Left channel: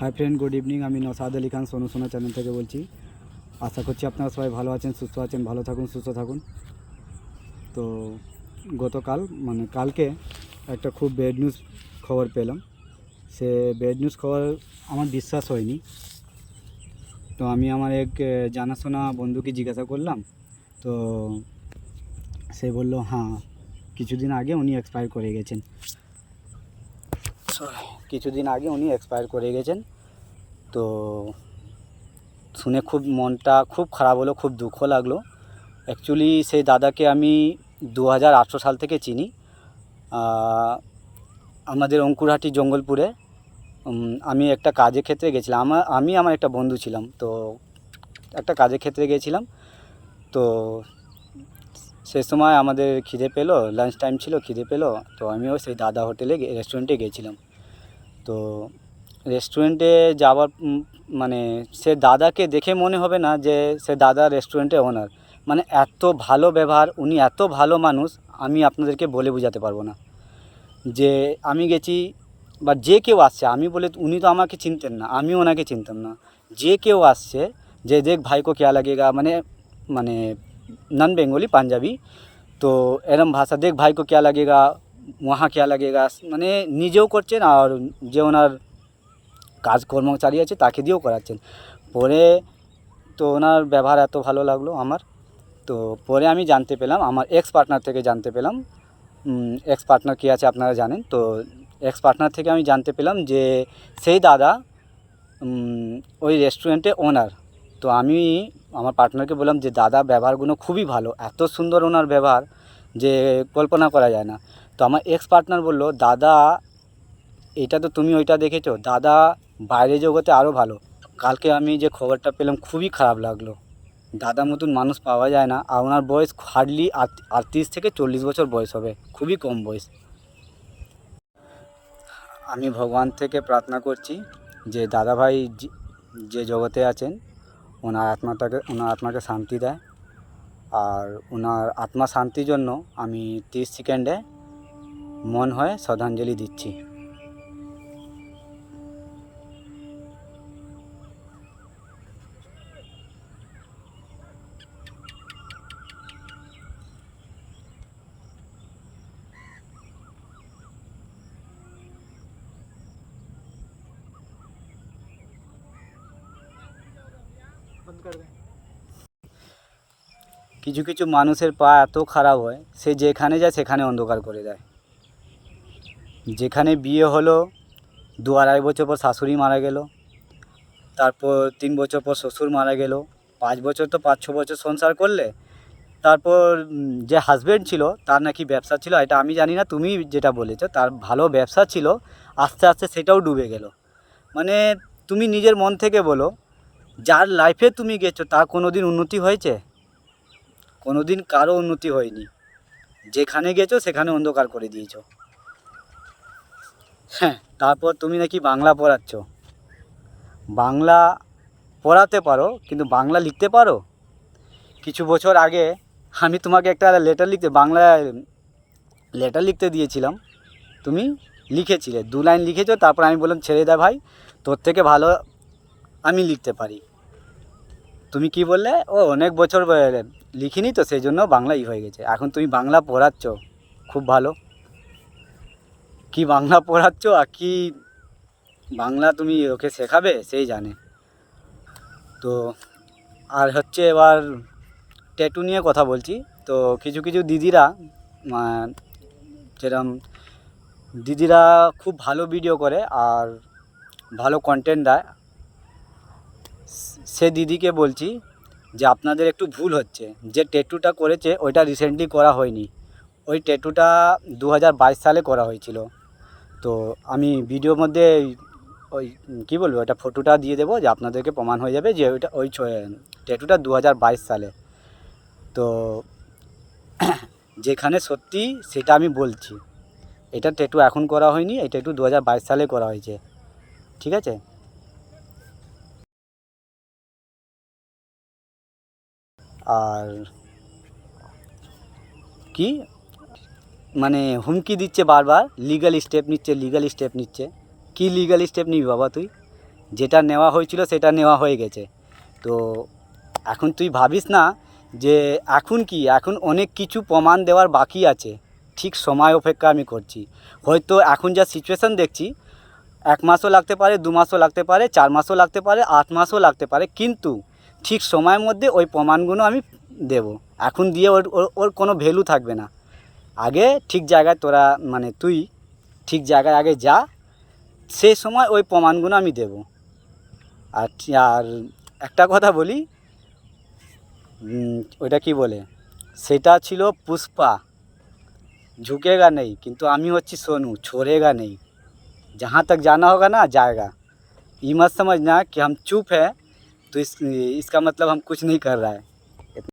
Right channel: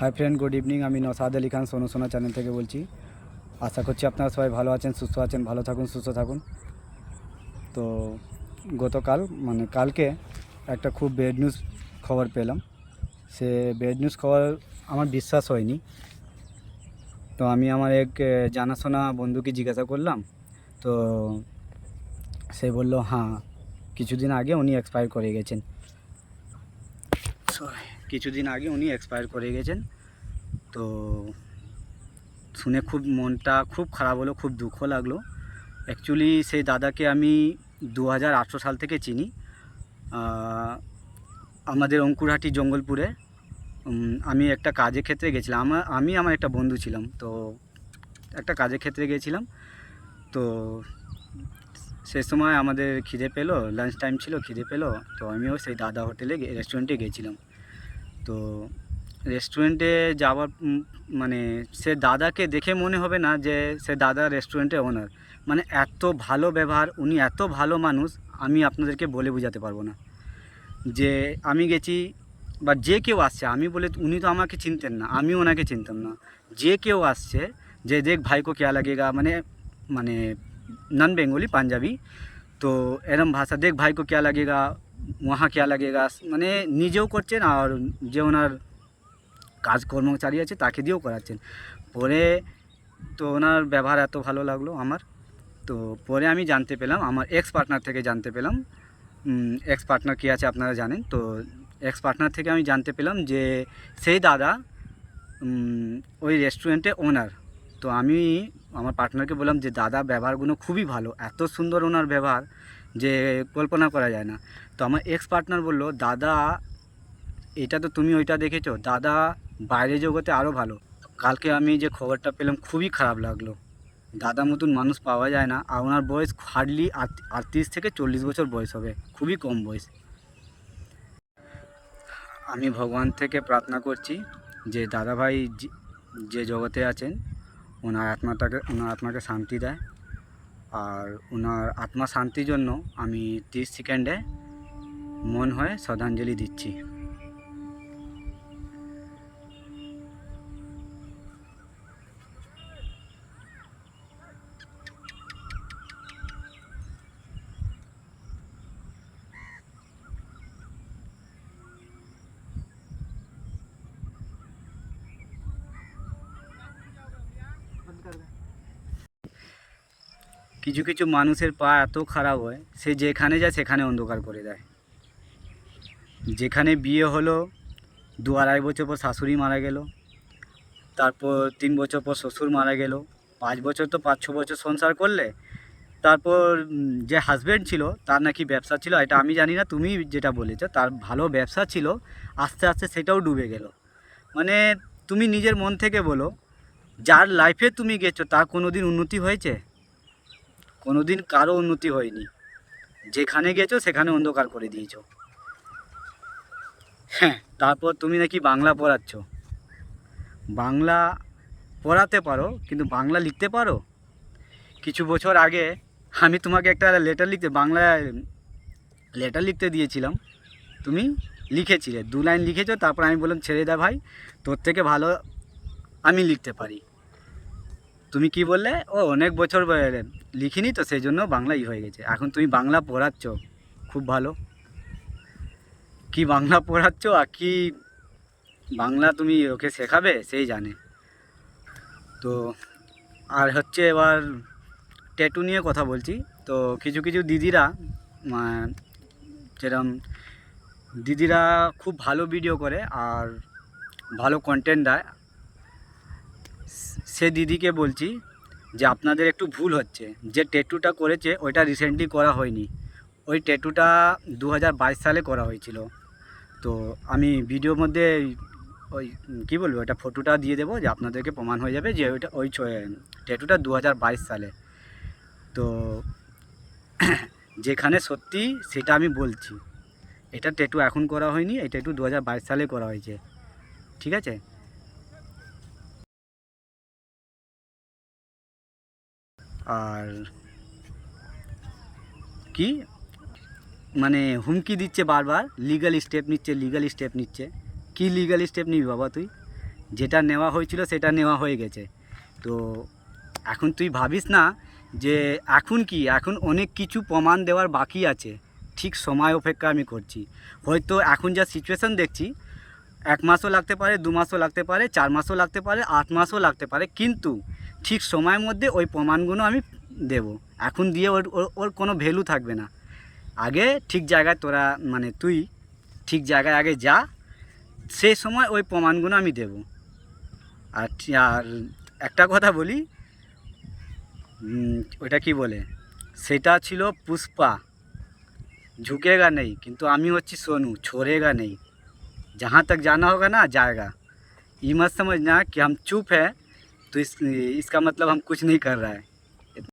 Hi friend, good evening. আমি নসাদ আলী খান সোনু সোনা channel থেকে বলছি। আশা করছি আপনারা সবাই ভালো আছেন, সুস্থ আছেন। ভালো থাকুন, সুস্থ থাকুন। তো গতকাল কালকে একটা খুব ব্যাড নিউজ খবর পেলাম। সে ব্যাড নিউজ খবর আমার বিশ্বাস হয়নি। তো আমি আমার এক জানাশোনা বন্ধুকে জিজ্ঞাসা করলাম। তো সে বলল, হ্যাঁ, কিছুদিন আগে উনি এক্সপায়ার করে গেছেন। তো শুনে খুব মনটা খুব খারাপ হলো, খুব দুঃখ লাগলো। অ্যাকচুয়ালি সেই দাদাকে আমি 2018 সাল থেকে চিনি। আমাদের অঙ্কুরহাটি জঙ্গলপুরে আমি একটা কাজের ক্ষেত্রে গেছিলাম। আমি আমার একটা বন্ধু ছিলাম, তো একটা কাজের ক্ষেত্রে গিয়েছিলাম। তো সে সময় আমাদের খিদে পেলো, লাঞ্চ টাইম ছিল, খিদে পেলো। তো আমিও সেই দাদা রেস্টুরেন্টে গিয়েছিলাম। তো রেস্টুরেন্টে যাওয়ার সে দাদাকে দেখে মনে হবে না যে সে দাদা রেস্টুরেন্টের ওনার। এত ভালো ব্যবহার, উনি এত ভালো মানুষ, আমি আপনাদেরকে বলে বোঝাতে পারবো না। যে আমি গেছি বা যে কেউ আসছে, আমি বলে, উনি তো আমাকে চিনতেন না, আমি ওনাকে চিনতাম না। যে কেউ আসছে, যে দেখ ভাই কো क्या लगेगा, মানে নন বেঙ্গলি, পাঞ্জাবি। তো এরম ভাষা, দেখ ভাই কো क्या लगेगा, ওয়াহা क्या लगेगा, নিজেও করছেন আর যে ওনার কাজ কর্মচারী আছে তাকে দিয়েও করাচ্ছেন। পরে তো ওনার ব্যবহার এত ভালো লাগলো আমার। তো পরে আমি জানতে পেলাম, আমার এক্স পার্টনার থেকে জানতে পেলাম। এক্স পার্টনার কী আছে আপনারা জানেন। তো এক্স পার্টনার থেকে আমি জানতে পেলাম যে সেই দাদা ওই রেস্টুরেন্টে ওনার। তো আমি আমার পার্টনারকে বললাম যে দাদা ব্যবহারগুলো খুবই ভালো, এত সুন্দর ওনার ব্যবহার যে কল্পনা করা যায় না। তো আমার এক্স পার্টনার বলল, দাদা এটা তো তুমি ওইটা দেখেছো, দাদা বাইরে জগতে আরও ভালো। কালকে আমি যে খবরটা পেলাম খুবই খারাপ লাগলো। দাদা মতন মানুষ পাওয়া যায় না। আর ওনার বয়স হার্ডলি 38 থেকে 40 বছর বয়স হবে, খুবই কম বয়স। আমি ভগবান থেকে প্রার্থনা করছি যে দাদাভাই যে জগতে আছেন, ওনার আত্মাকে শান্তি দেয়। আর ওনার আত্মা শান্তির জন্য আমি 30 সেকেন্ডে মন হয়ে শ্রদ্ধাঞ্জলি দিচ্ছি। কিছু কিছু মানুষের পা এত খারাপ হয়, সে যেখানে যায় সেখানে অন্ধকার করে দেয়। যেখানে বিয়ে হলো, 2-2.5 বছর পর শাশুড়ি মারা গেল, তারপর 3 বছর পর শ্বশুর মারা গেল, 5 বছর তো 5-6 বছর সংসার করলে, তারপর যে হাজব্যান্ড ছিল তার নাকি ব্যবসা ছিল, এটা আমি জানি না, তুমি যেটা বলেছো তার ভালো ব্যবসা ছিল, আস্তে আস্তে সেটাও ডুবে গেল। তুমি নিজের মন থেকে বলো, যার লাইফে তুমি গেছো তার কোনো দিন উন্নতি হয়েছে? কোনো দিন কারো উন্নতি হয়নি। যেখানে গেছো সেখানে অন্ধকার করে দিয়েছো। হ্যাঁ, তারপর তুমি নাকি বাংলা পড়াচ্ছ। বাংলা পড়াতে পারো, কিন্তু বাংলা লিখতে পারো? কিছু বছর আগে আমি তোমাকে একটা বাংলায় লেটার লিখতে দিয়েছিলাম, তুমি লিখেছিলে, 2 লাইন লিখেছো। তারপর আমি বললাম, ছেড়ে দে ভাই, তোর থেকে ভালো আমি লিখতে পারি। তুমি কি বললে, ও অনেক বছর লিখিনি তো সেই জন্য বাংলাই হয়ে গেছে। এখন তুমি বাংলা পড়াচ্ছ, খুব ভালো। কি বাংলা পড়াচ্ছ আর কি বাংলা তুমি ওকে শেখাবে সেই জানে। তো আর হচ্ছে, এবার ট্যাটু নিয়ে কথা বলছি। তো কিছু কিছু দিদিরা, যেরকম দিদিরা খুব ভালো ভিডিও করে আর ভালো কন্টেন্ট দেয়, সে দিদিকে বলছি যে আপনাদের একটু ভুল হচ্ছে। যে ট্যাটুটা করেছে ওইটা রিসেন্টলি করা হয়নি, ওই ট্যাটুটা 2022 সালে করা হয়েছিল। তো আমি ভিডিওর মধ্যে ওই কী বলবো, ওটা ফটোটা দিয়ে দেবো, যে আপনাদেরকে প্রমাণ হয়ে যাবে যে ওই ট্যাটুটা 2022 সালে। তো যেখানে সত্যি সেটা আমি বলছি, এটা ট্যাটু এখন করা হয়নি, এই ট্যাটু 2022 সালে করা হয়েছে, ঠিক আছে? আর কি হুমকি দিচ্ছে বারবার, লিগ্যাল স্টেপ নিচ্ছে। কি লিগ্যাল স্টেপ নিবি বাবা তুই? যেটা নেওয়া হয়েছিল সেটা নেওয়া হয়ে গেছে। তো এখন তুই ভাবিস না যে এখন অনেক কিছু প্রমাণ দেওয়ার বাকি আছে। ঠিক সময় অপেক্ষা আমি করছি। হয়তো এখন যা সিচুয়েশান দেখছি 1 মাসও লাগতে পারে, 2 মাসও লাগতে পারে, 4 মাসও লাগতে পারে, 8 মাসও লাগতে পারে, কিন্তু ঠিক সময়ের মধ্যে ওই প্রমাণগুলো আমি দেবো। এখন দিয়ে ওর ওর ওর কোনো ভ্যালু থাকবে না। আগে ঠিক জায়গায় তোরা মানে তুই ঠিক জায়গায় আগে যা, সেই সময় ওই প্রমাণগুলো আমি দেবো। আর একটা কথা বলি, ওইটা কি বলে, সেটা ছিল পুষ্পা, झुकेगा नहीं, কিন্তু আমি হচ্ছি সোনু, छोड़ेगा नहीं। जहाँ तक जाना होगा ना जाएगा। ये मत समझना कि हम चुप हैं तो इसका मतलब हम कुछ नहीं कर रहा है।